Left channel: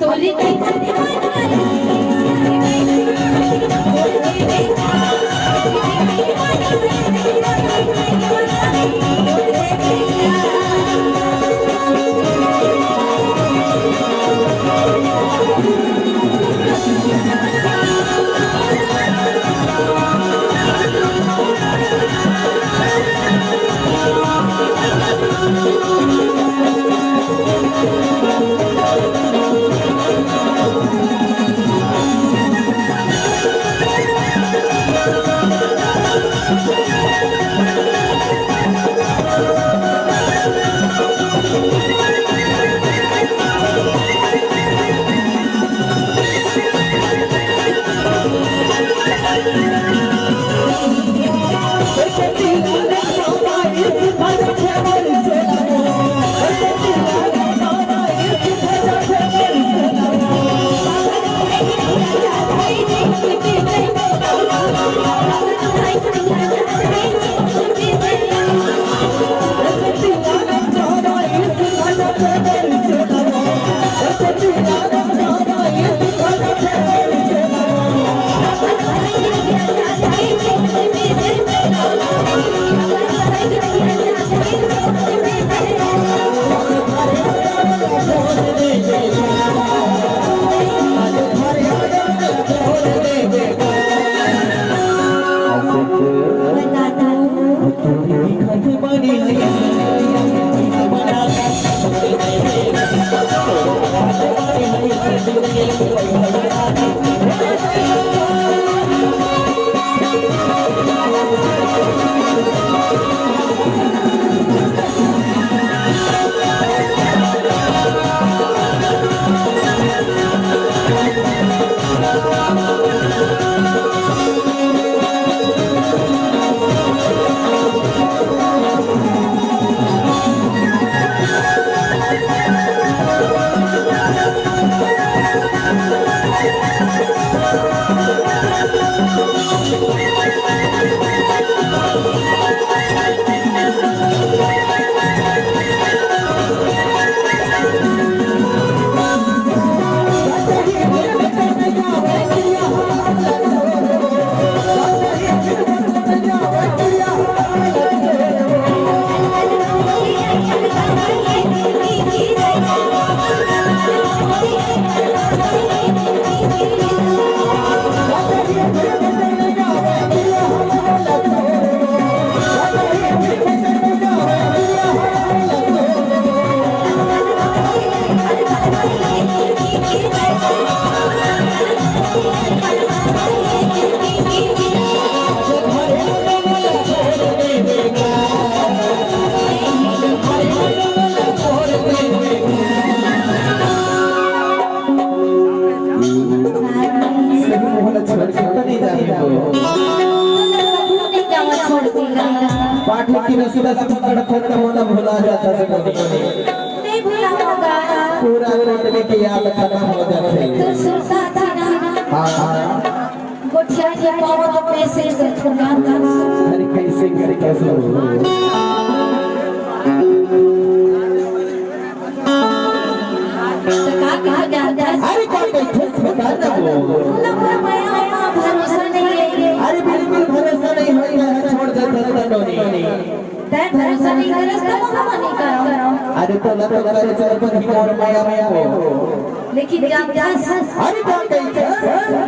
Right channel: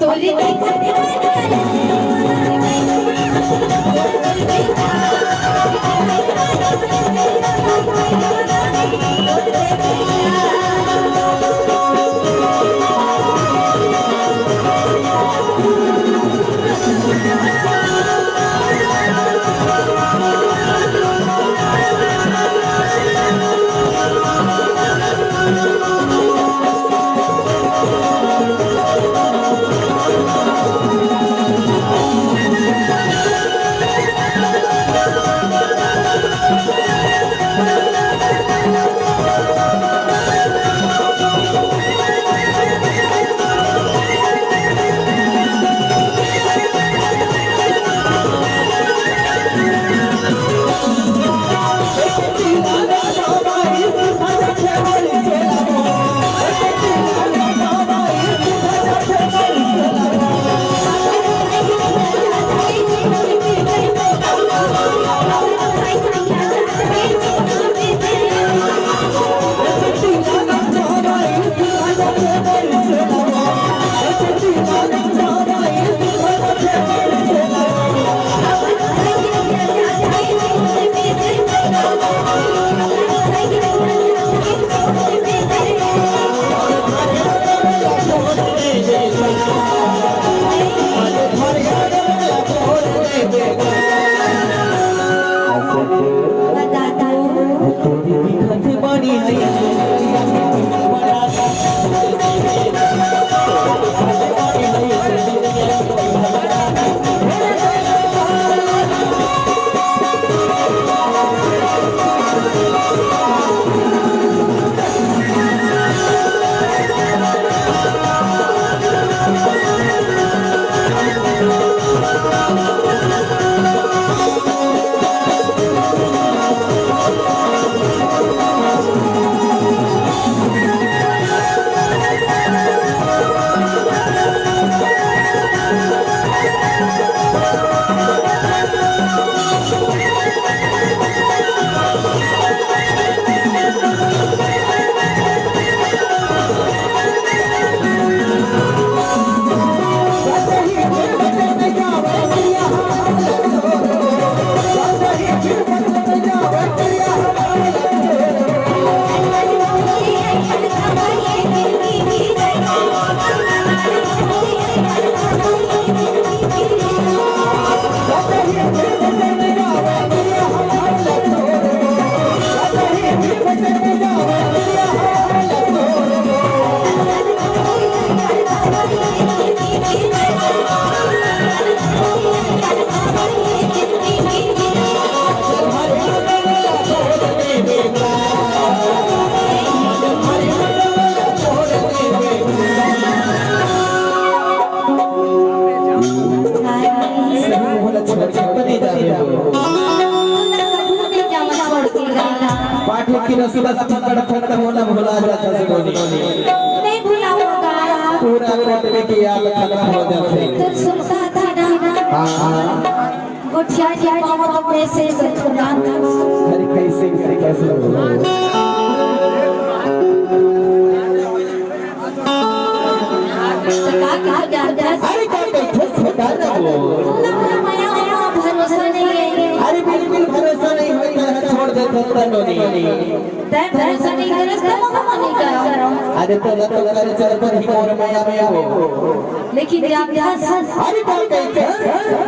तोली पाठक की नसीब खत्म होना भुला जाता है नहीं भूला होगा पूरा रटने की याद खत्म हो जाते तो सुनता था ना हाँ गोठिया जी को तो पैसे से खुदा अरे कैसे हो अरे क्या कहते बता ना भरोसा नहीं है अरे बिल्कुल भरोसा नहीं होता छोड़ देता नोनी तय भरोसा नहीं करे तो मना नहीं करो अरे तो लगा चल पर ही मोर माया में हो लेकिन जब अरे क्या कहते